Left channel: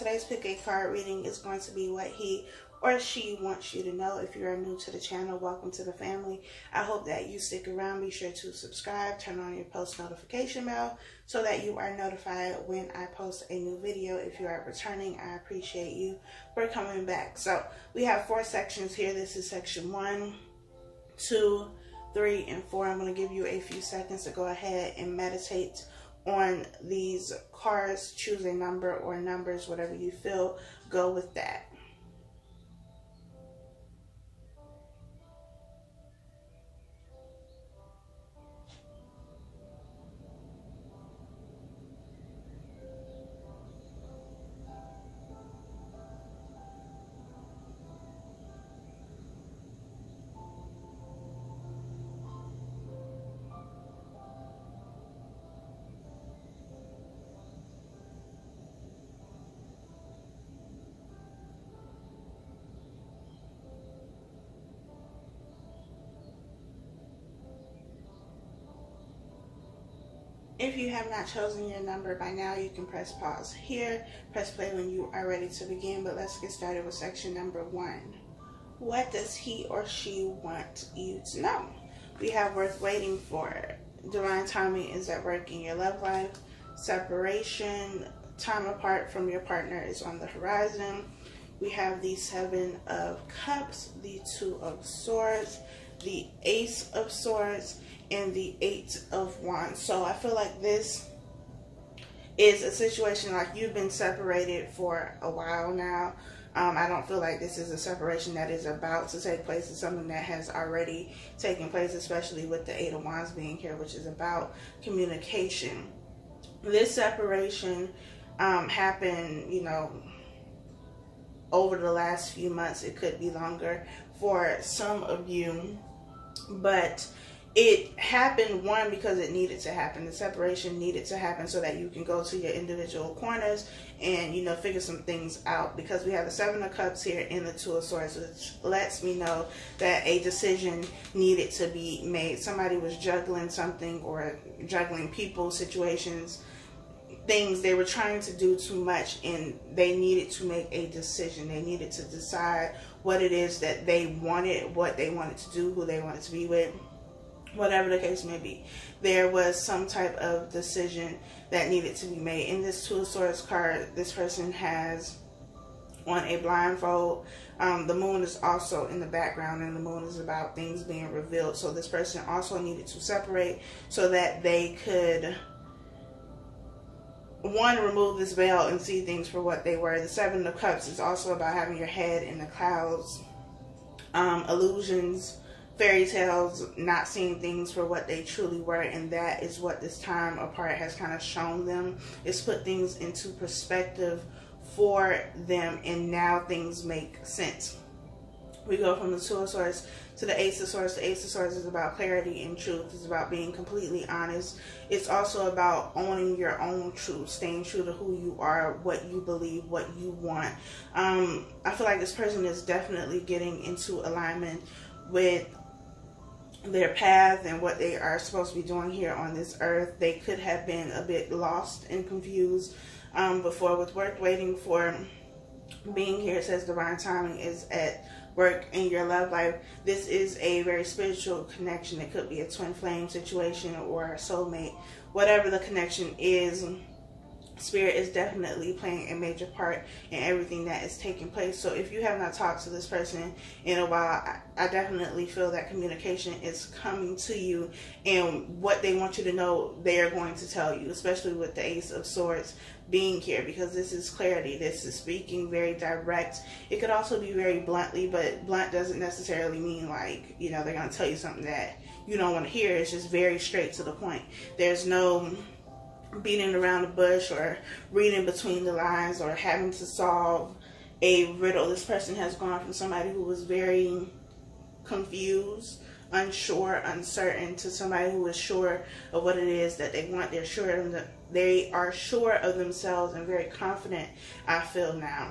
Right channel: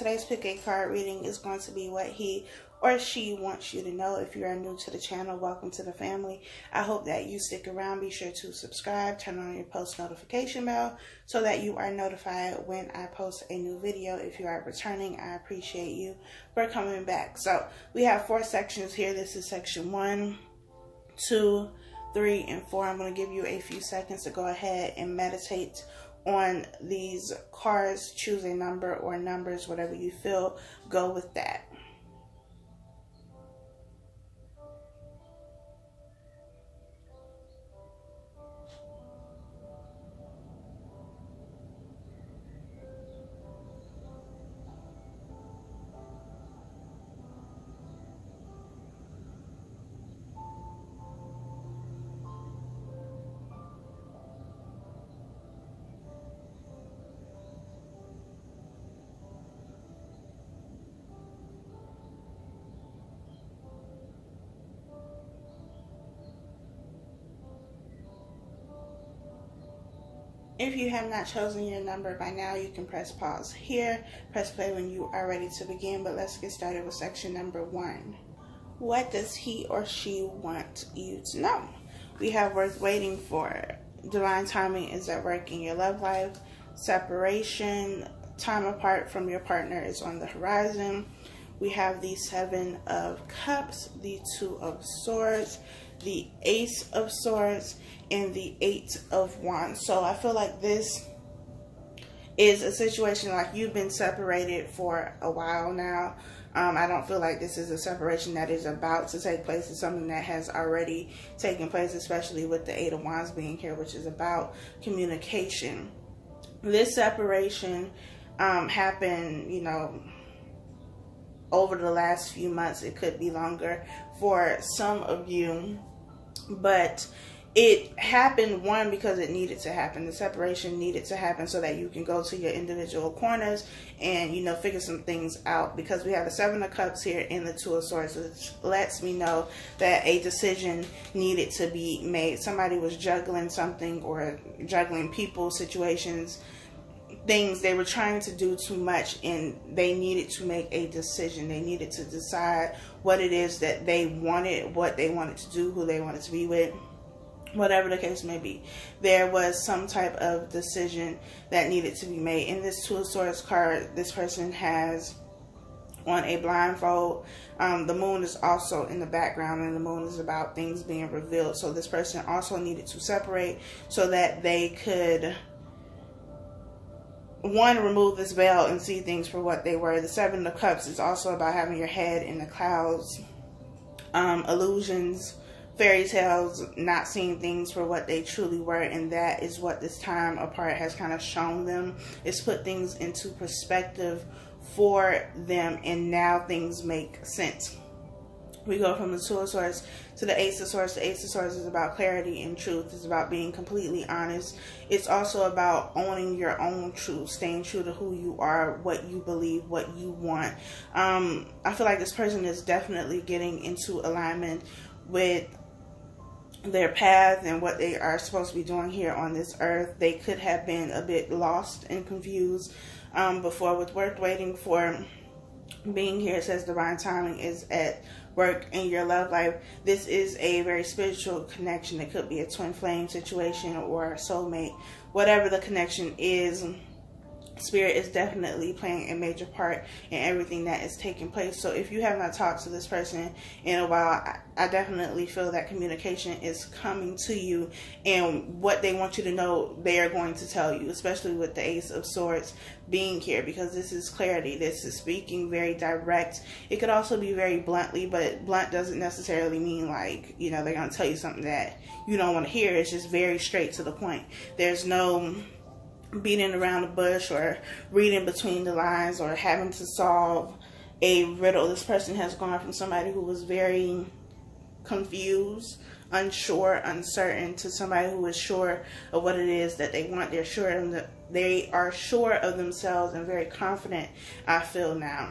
today's pick a card reading is going to be what he or she wants you to know. If you are new to the channel, welcome to the family. I hope that you stick around. Be sure to subscribe, turn on your post notification bell so that you are notified when I post a new video. If you are returning, I appreciate you for coming back. So we have 4 sections here. This is section 1, 2, 3, and 4. I'm going to give you a few seconds to go ahead and meditate on these cards. Choose a number or numbers, whatever you feel, go with that. If you have not chosen your number by now, you can press pause here, press play when you are ready to begin. But let's get started with section number 1. What does he or she want you to know? We have worth waiting for. Divine timing is at work in your love life. Separation, time apart from your partner is on the horizon. We have the 7 of Cups, the 2 of Swords, the Ace of Swords, and the 8 of Wands. So I feel like this is a situation like you've been separated for a while now. I don't feel like this is a separation that is about to take place. It's something that has already taken place, especially with the 8 of Wands being here, which is about communication. This separation happened, you know, over the last few months. It could be longer for some of you, but it happened, one, because it needed to happen. The separation needed to happen so that you can go to your individual corners and, you know, figure some things out. Because we have the 7 of Cups here and the 2 of Swords, which lets me know that a decision needed to be made. Somebody was juggling something, or juggling people, situations, things. They were trying to do too much and they needed to make a decision. They needed to decide what it is that they wanted, what they wanted to do, who they wanted to be with. Whatever the case may be, there was some type of decision that needed to be made. In this 2 of Swords card, this person has on a blindfold. The moon is also in the background, and the moon is about things being revealed. So this person also needed to separate so that they could, one, remove this veil and see things for what they were. The 7 of Cups is also about having your head in the clouds, illusions, fairy tales, not seeing things for what they truly were. And that is what this time apart has kind of shown them. It's put things into perspective for them, and now things make sense. We go from the 2 of Swords to the Ace of Swords. The Ace of Swords is about clarity and truth. It's about being completely honest. It's also about owning your own truth, staying true to who you are, what you believe, what you want. I feel like this person is definitely getting into alignment with their path and what they are supposed to be doing here on this earth. They could have been a bit lost and confused before. With worth waiting for being here, it says divine timing is at work in your love life. This is a very spiritual connection. It could be a twin flame situation or a soulmate. Whatever the connection is, Spirit is definitely playing a major part in everything that is taking place. So if you have not talked to this person in a while, I definitely feel that communication is coming to you, and what they want you to know, they are going to tell you, especially with the Ace of Swords being here, because this is clarity. This is speaking very direct. It could also be very bluntly, but blunt doesn't necessarily mean like, you know, they're going to tell you something that you don't want to hear. It's just very straight to the point. There's no beating around the bush or reading between the lines or having to solve a riddle. This person has gone from somebody who was very confused, unsure, uncertain, to somebody who is sure of what it is that they want. They are sure of themselves and very confident, I feel now.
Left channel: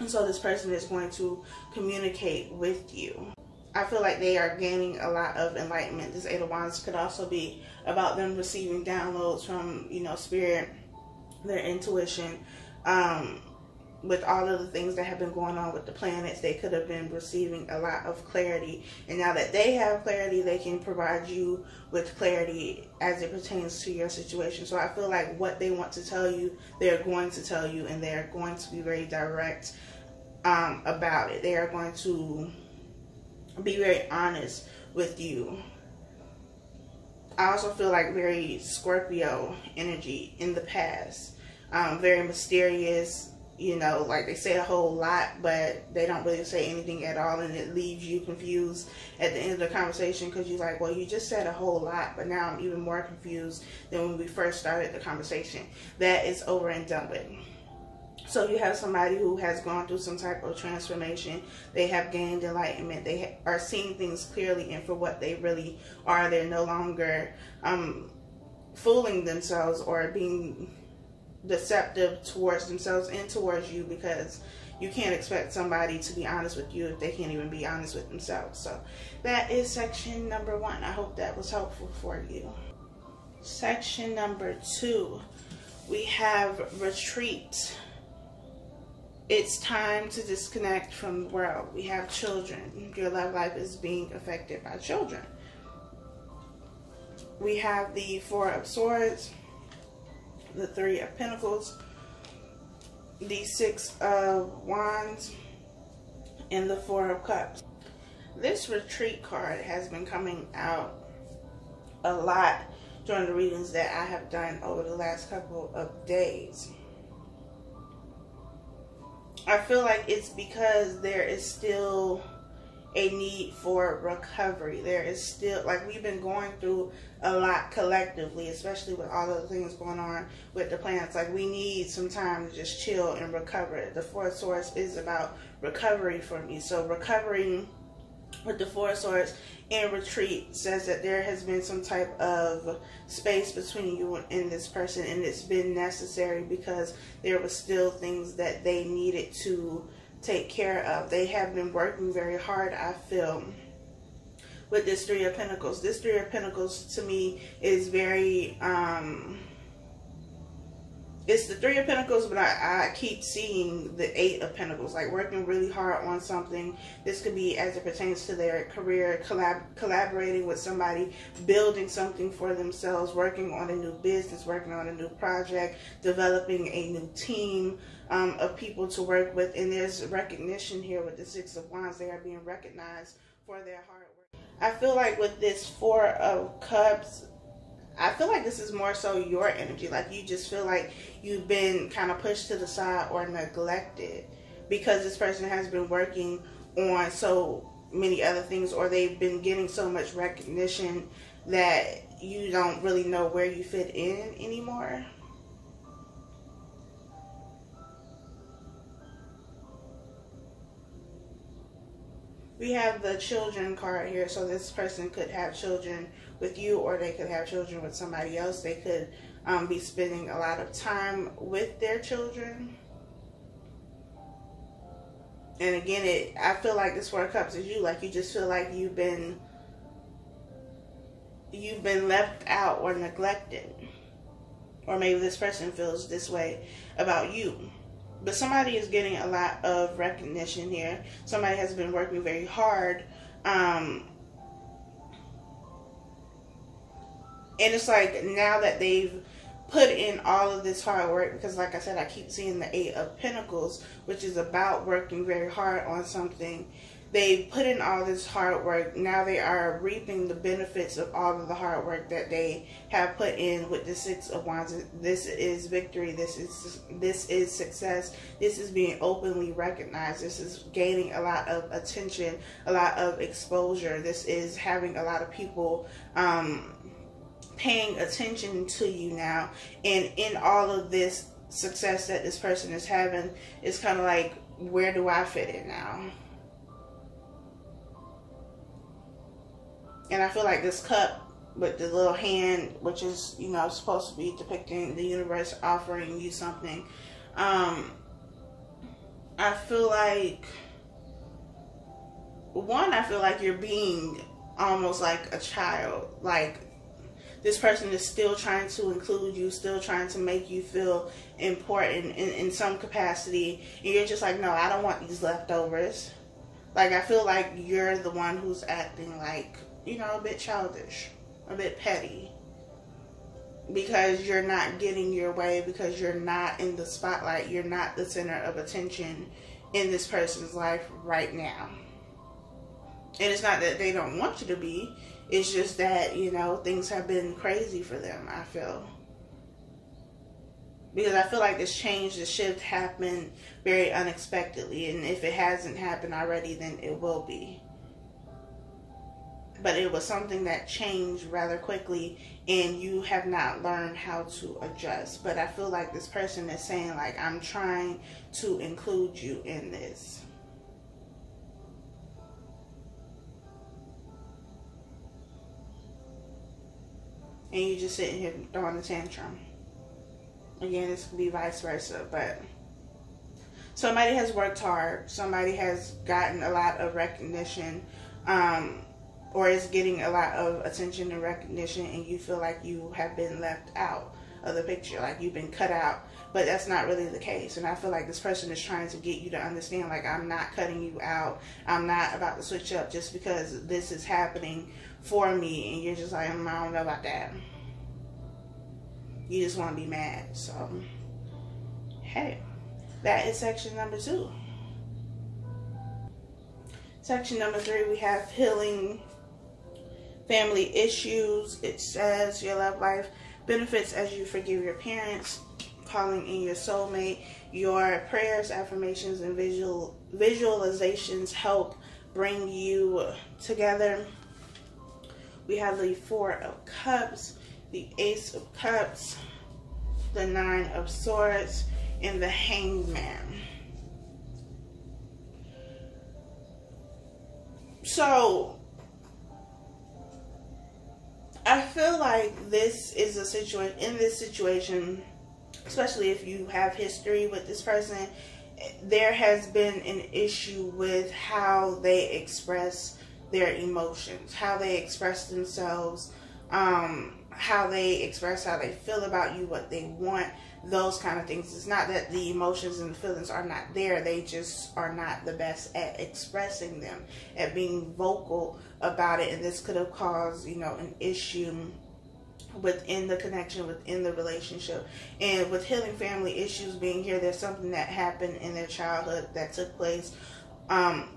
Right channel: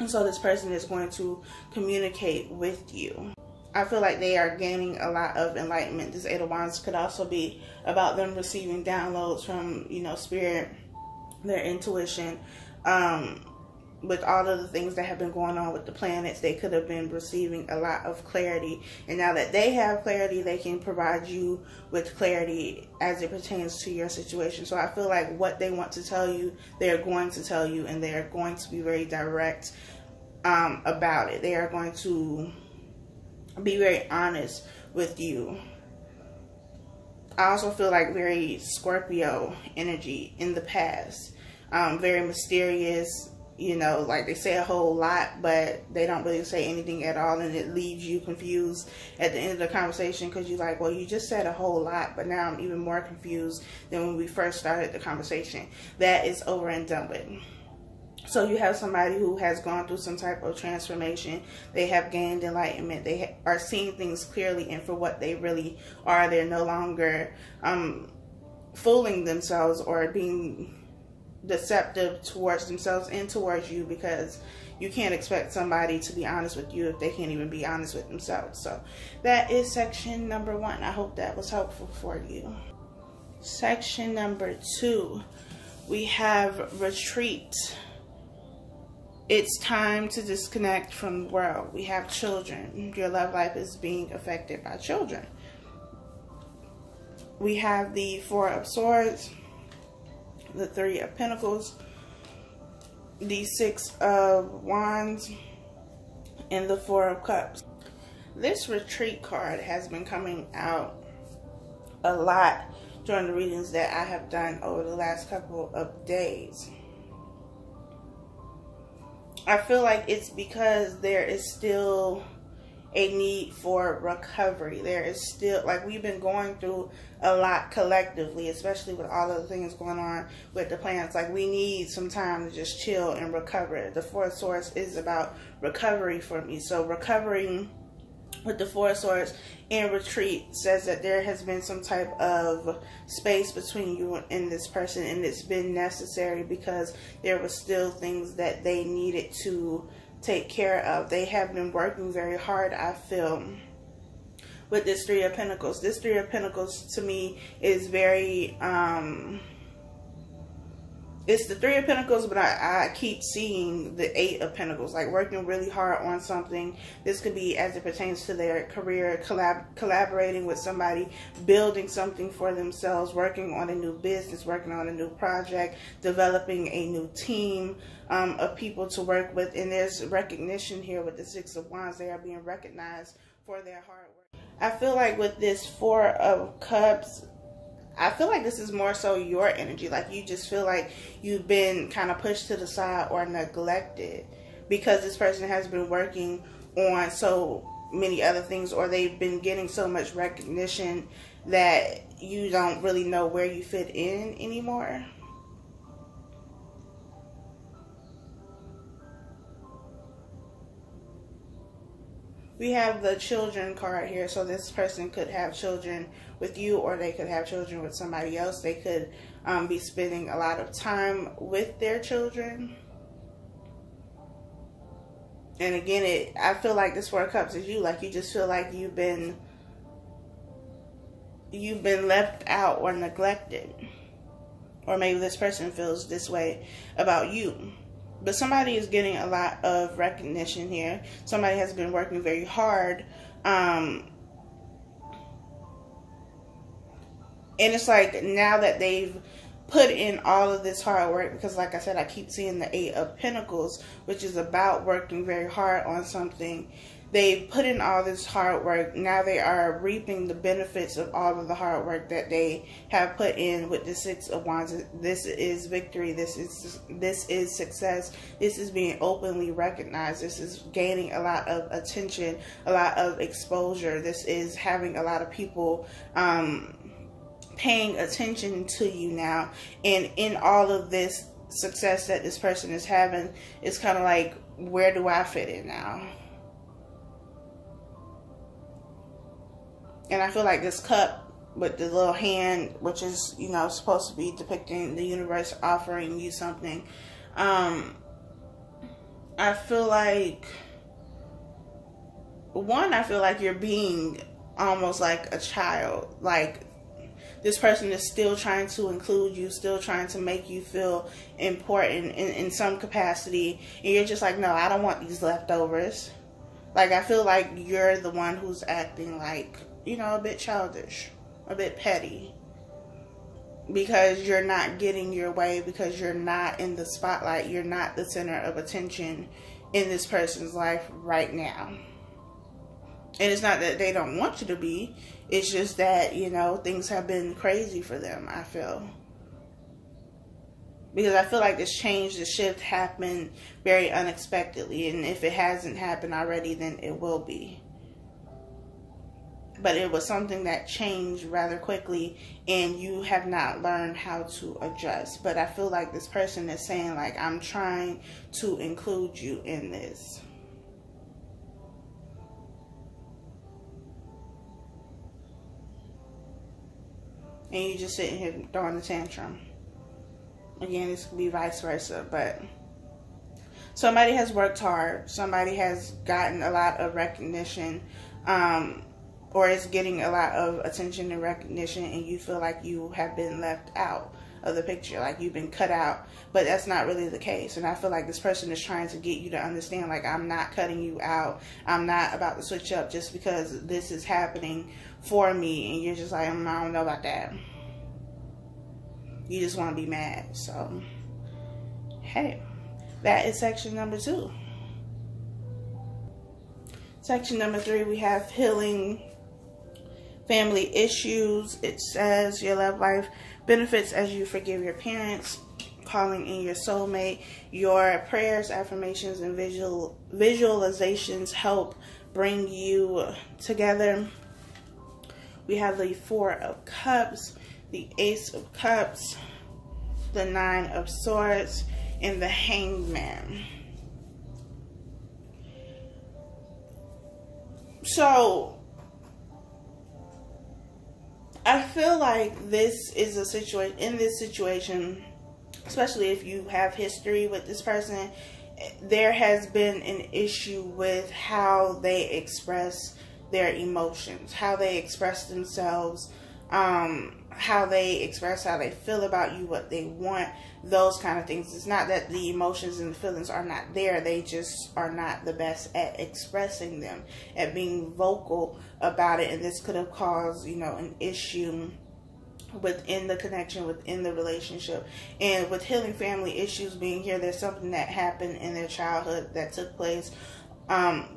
And so this person is going to communicate with you. I feel like they are gaining a lot of enlightenment. This 8 of Wands could also be about them receiving downloads from, you know, Spirit, their intuition, with all of the things that have been going on with the planets, they could have been receiving a lot of clarity. And now that they have clarity, they can provide you with clarity as it pertains to your situation. So I feel like what they want to tell you, they're going to tell you, and they're going to be very direct about it. They are going to be very honest with you. I also feel like very Scorpio energy in the past. Very mysterious, you know, like they say a whole lot, but they don't really say anything at all, and it leaves you confused at the end of the conversation, because you're like, well, you just said a whole lot, but now I'm even more confused than when we first started the conversation. That is over and done with. So you have somebody who has gone through some type of transformation. They have gained enlightenment. They are seeing things clearly and for what they really are. They're no longer fooling themselves or being deceptive towards themselves and towards you, because you can't expect somebody to be honest with you if they can't even be honest with themselves. So that is section number 1. I hope that was helpful for you. Section number 2, we have retreat. It's time to disconnect from the world. We have children. Your love life is being affected by children. We have the 4 of Swords, the 3 of Pentacles, the 6 of Wands, and the 4 of Cups. This retreat card has been coming out a lot during the readings that I have done over the last couple of days. I feel like it's because there is still a need for recovery. There is still, like, we've been going through a lot collectively, especially with all of the things going on with the planets. Like, we need some time to just chill and recover. The 4 of Swords is about recovery for me. So recovering with the 4 of Swords in retreat says that there has been some type of space between you and this person, and it's been necessary because there were still things that they needed to take care of. They have been working very hard, I feel, with this 3 of Pentacles. This 3 of Pentacles to me is very it's the 3 of Pentacles, but I keep seeing the 8 of Pentacles, like working really hard on something. This could be as it pertains to their career, collaborating with somebody, building something for themselves, working on a new business, working on a new project, developing a new team of people to work with. And there's recognition here with the 6 of Wands. They are being recognized for their hard work. I feel like with this 4 of Cups, I feel like this is more so your energy. Like, you just feel like you've been kind of pushed to the side or neglected because this person has been working on so many other things, or they've been getting so much recognition that you don't really know where you fit in anymore. We have the children card here, so this person could have children with you, or they could have children with somebody else. They could be spending a lot of time with their children. And again, I feel like this 4 of Cups is you. Like, you just feel like you've been left out or neglected. Or maybe this person feels this way about you. But somebody is getting a lot of recognition here. Somebody has been working very hard. And it's like, now that they've put in all of this hard work, because like I said, I keep seeing the 8 of Pentacles, which is about working very hard on something. They put in all this hard work. Now they are reaping the benefits of all of the hard work that they have put in with the 6 of Wands. This is victory. This is success. This is being openly recognized. This is gaining a lot of attention, a lot of exposure. This is having a lot of people paying attention to you now. And in all of this success that this person is having, it's kind of like, where do I fit in now? And I feel like this cup with the little hand, which is, you know, supposed to be depicting the universe offering you something. I feel like, I feel like you're being almost like a child. Like, this person is still trying to include you, still trying to make you feel important in some capacity. And you're just like, no, I don't want these leftovers. Like, I feel like you're the one who's acting like, you know, a bit childish, a bit petty. Because you're not getting your way, because you're not in the spotlight. You're not the center of attention in this person's life right now. And it's not that they don't want you to be. It's just that, you know, things have been crazy for them, I feel. Because I feel like this change, this shift happened very unexpectedly. And if it hasn't happened already, then it will be. But it was something that changed rather quickly, and you have not learned how to adjust. But I feel like this person is saying, like, I'm trying to include you in this. And you just sitting here throwing a tantrum. Again, this could be vice versa, but somebody has worked hard. Somebody has gotten a lot of recognition, or is getting a lot of attention and recognition, and you feel like you have been left out of the picture, like you've been cut out. But that's not really the case. And I feel like this person is trying to get you to understand, like, I'm not cutting you out. I'm not about to switch up just because this is happening for me. And you're just like, I don't know about that. You just want to be mad. So, hey, that is section number 2. Section number 3, we have healing family issues. It says your love life benefits as you forgive your parents, calling in your soulmate. Your prayers, affirmations, and visualizations help bring you together. We have the 4 of Cups, the Ace of Cups, the 9 of Swords, and the Hangman. So, I feel like this is a situation, in this situation, especially if you have history with this person, there has been an issue with how they express their emotions, how they express themselves, how they express how they feel about you, what they want, those kind of things. It's not that the emotions and the feelings are not there. They just are not the best at expressing them, at being vocal about it. And this could have caused, you know, an issue within the connection, within the relationship. And with healing family issues being here, there's something that happened in their childhood that took place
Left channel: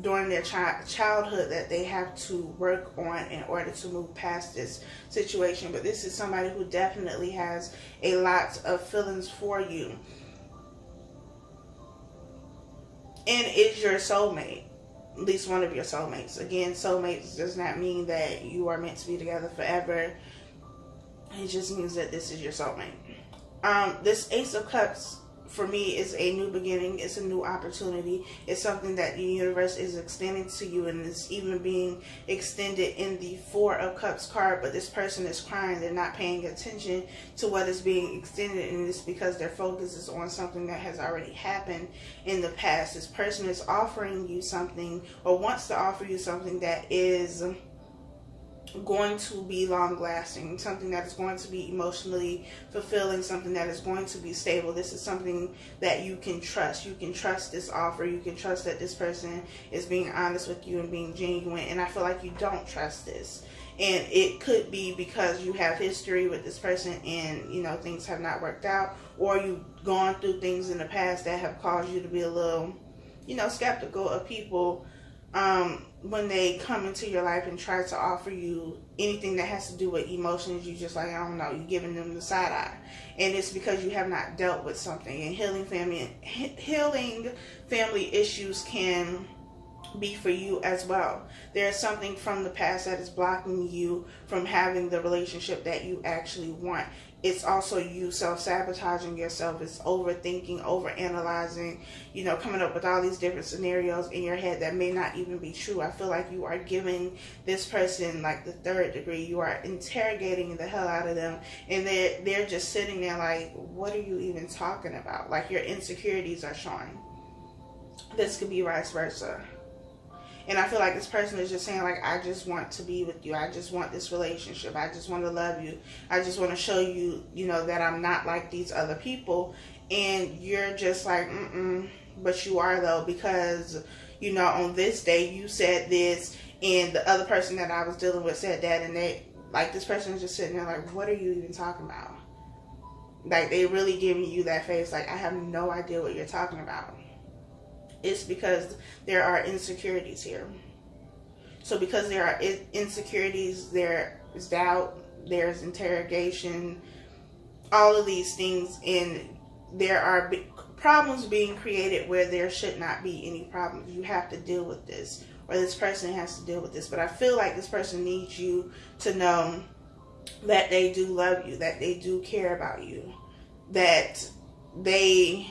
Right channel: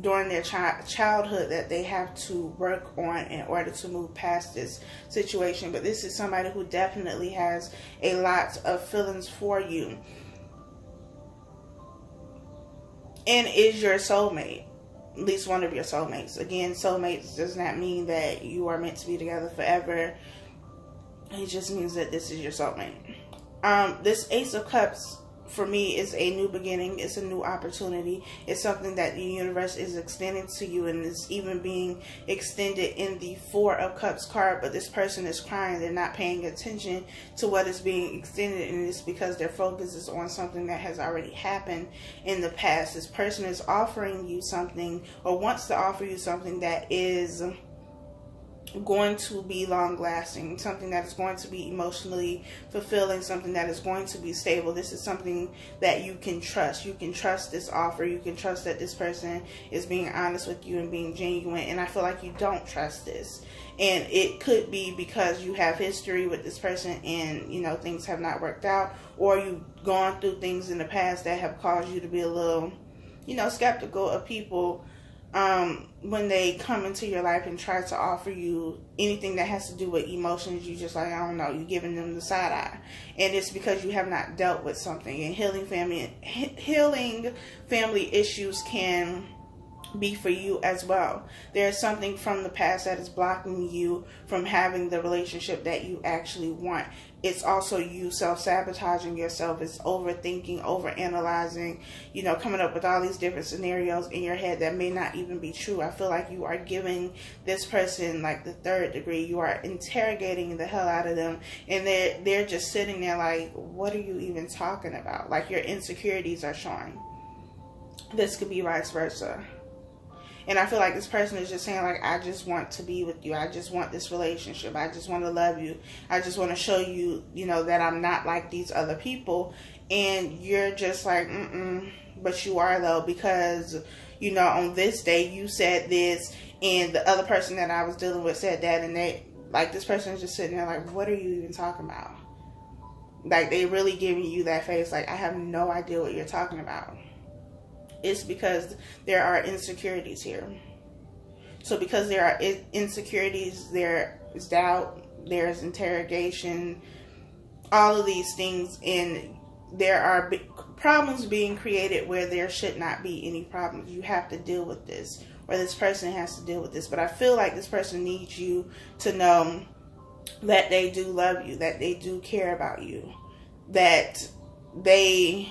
during their childhood that they have to work on in order to move past this situation. But this is somebody who definitely has a lot of feelings for you and is your soulmate, at least one of your soulmates. Again, soulmates does not mean that you are meant to be together forever. It just means that this is your soulmate. This Ace of Cups, for me, is a new beginning. It's a new opportunity. It's something that the universe is extending to you, and it's even being extended in the 4 of Cups card. But this person is crying. They're not paying attention to what is being extended, and it's because their focus is on something that has already happened in the past. This person is offering you something, or wants to offer you something that is going to be long lasting, something that is going to be emotionally fulfilling, something that is going to be stable. This is something that you can trust. You can trust this offer. You can trust that this person is being honest with you and being genuine. And I feel like you don't trust this. And it could be because you have history with this person and, you know, things have not worked out, or you've gone through things in the past that have caused you to be a little, you know, skeptical of people when they come into your life and try to offer you anything that has to do with emotions. You just like, I don't know, you're giving them the side eye. And it's because you have not dealt with something. And healing family issues can be for you as well. There's something from the past that is blocking you from having the relationship that you actually want. It's also you self-sabotaging yourself. It's overthinking, overanalyzing, you know, coming up with all these different scenarios in your head that may not even be true. I feel like you are giving this person like the 3rd degree. You are interrogating the hell out of them, and they're just sitting there like, what are you even talking about? Like, your insecurities are showing. This could be vice versa. And I feel like this person is just saying, like, I just want to be with you. I just want this relationship. I just want to love you. I just want to show you, you know, that I'm not like these other people. And you're just like, but you are, though, because, you know, on this day you said this, and the other person that I was dealing with said that, and they, like, this person is just sitting there like, what are you even talking about? Like, they really giving you that face like, I have no idea what you're talking about. It's because there are insecurities here. So because there are insecurities, there is doubt, there's interrogation, all of these things, and there are problems being created where there should not be any problems. You have to deal with this, or this person has to deal with this. But I feel like this person needs you to know that they do love you, that they do care about you, that they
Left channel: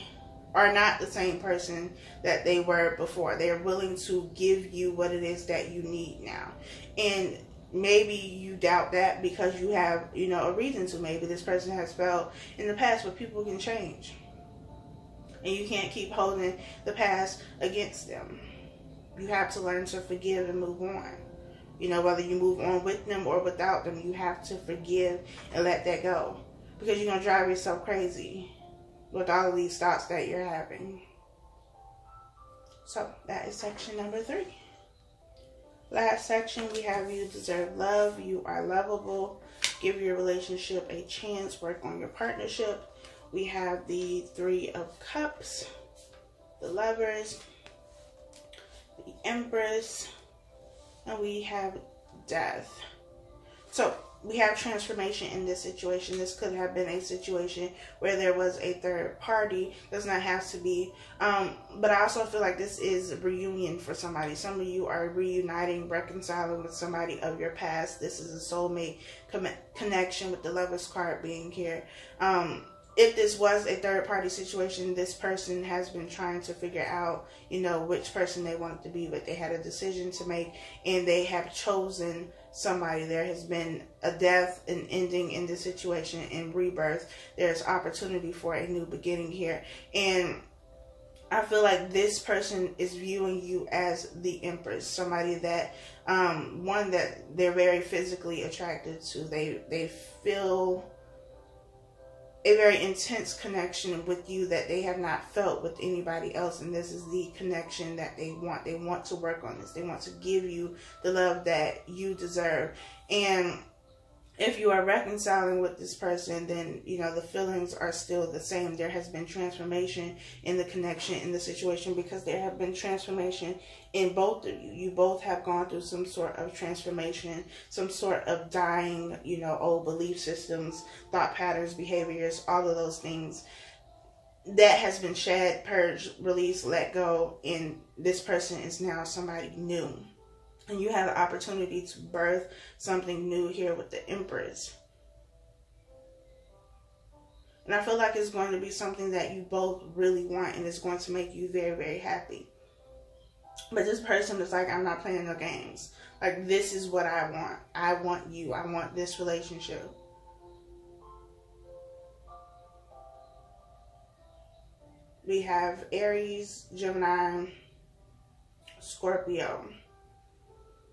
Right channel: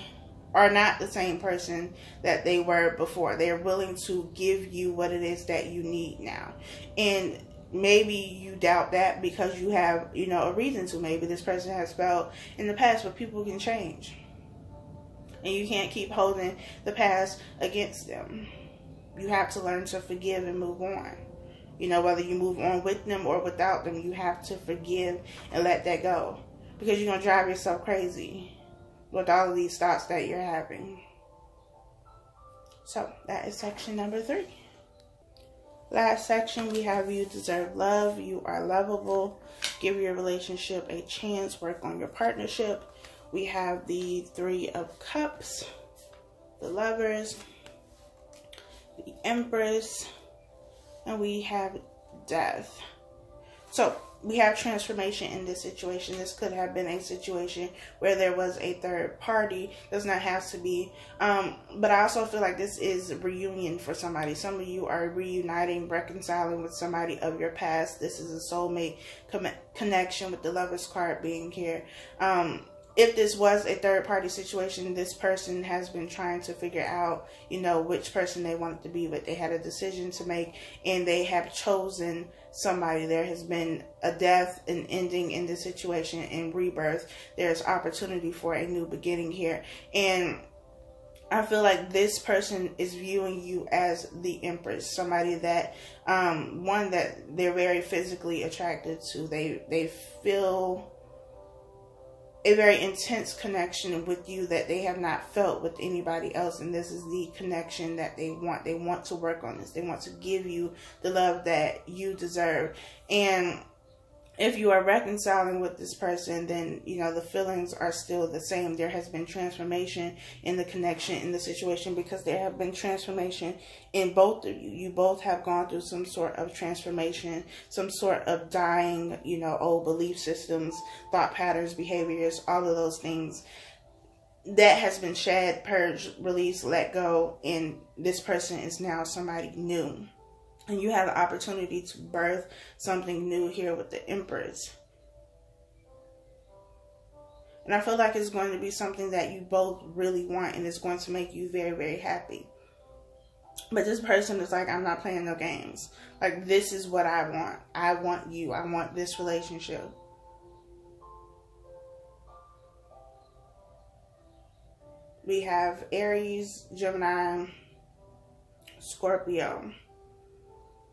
are not the same person that they were before. They're willing to give you what it is that you need now. And maybe you doubt that because you have, you know, a reason to. Maybe this person has failed in the past, but people can change. And you can't keep holding the past against them. You have to learn to forgive and move on. You know, whether you move on with them or without them, you have to forgive and let that go. Because you're going to drive yourself crazy with all of these thoughts that you're having. So, that is section number 3. Last section, we have you deserve love. You are lovable. Give your relationship a chance. Work on your partnership. We have the 3 of Cups, the Lovers, the Empress, and we have Death. So, we have transformation in this situation. This could have been a situation where there was a third party. Does not have to be. But I also feel like this is a reunion for somebody. Some of you are reuniting, reconciling with somebody of your past. This is a soulmate connection with the Lover's card being here. If this was a third party situation, this person has been trying to figure out, you know, which person they wanted to be with. They had a decision to make, and they have chosen somebody. There has been a death, an ending in this situation, and rebirth. There's opportunity for a new beginning here. And I feel like this person is viewing you as the Empress, somebody that, one that they're very physically attracted to. They feel a very intense connection with you that they have not felt with anybody else. And this is the connection that they want. They want to work on this. They want to give you the love that you deserve. And if you are reconciling with this person, then, you know, the feelings are still the same. There has been transformation in the connection, in the situation, because there have been transformation in both of you. You both have gone through some sort of transformation, some sort of dying, you know, old belief systems, thought patterns, behaviors, all of those things. That has been shed, purged, released, let go, and this person is now somebody new. And you have the opportunity to birth something new here with the Empress. And I feel like it's going to be something that you both really want, and it's going to make you very, very happy. But this person is like, I'm not playing no games. Like, this is what I want. I want you. I want this relationship. We have Aries, Gemini, Scorpio.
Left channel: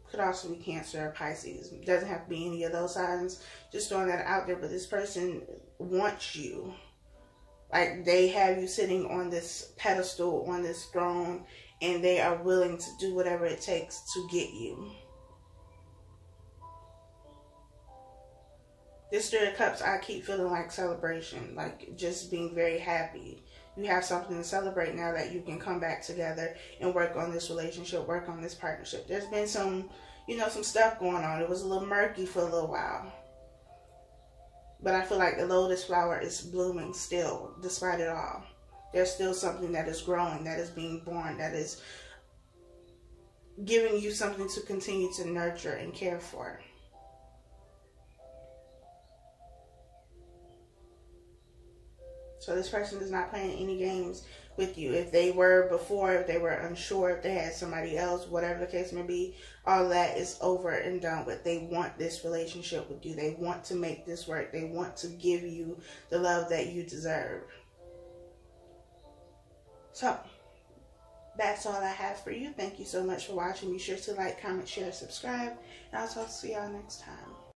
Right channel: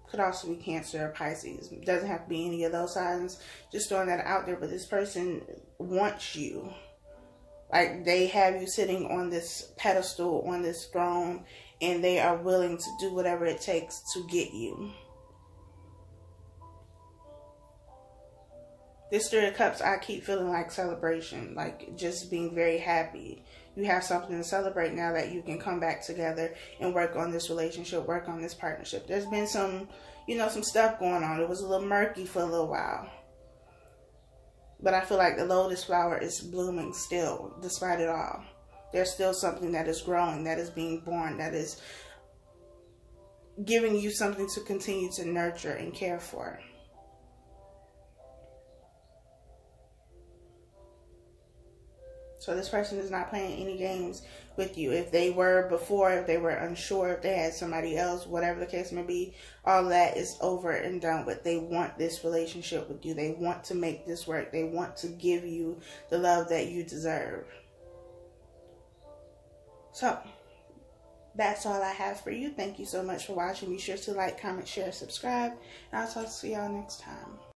Could also be Cancer or Pisces. It doesn't have to be any of those signs. Just throwing that out there. But this person wants you. Like, they have you sitting on this pedestal, on this throne, and they are willing to do whatever it takes to get you. This 3 of Cups, I keep feeling like celebration. Like, just being very happy. You have something to celebrate now that you can come back together and work on this relationship, work on this partnership. There's been some, you know, some stuff going on. It was a little murky for a little while. But I feel like the lotus flower is blooming still, despite it all. There's still something that is growing, that is being born, that is giving you something to continue to nurture and care for. So this person is not playing any games with you. If they were before, if they were unsure, if they had somebody else, whatever the case may be, all that is over and done with. They want this relationship with you. They want to make this work. They want to give you the love that you deserve. So, that's all I have for you. Thank you so much for watching. Be sure to like, comment, share, subscribe, and I'll talk to y'all next time.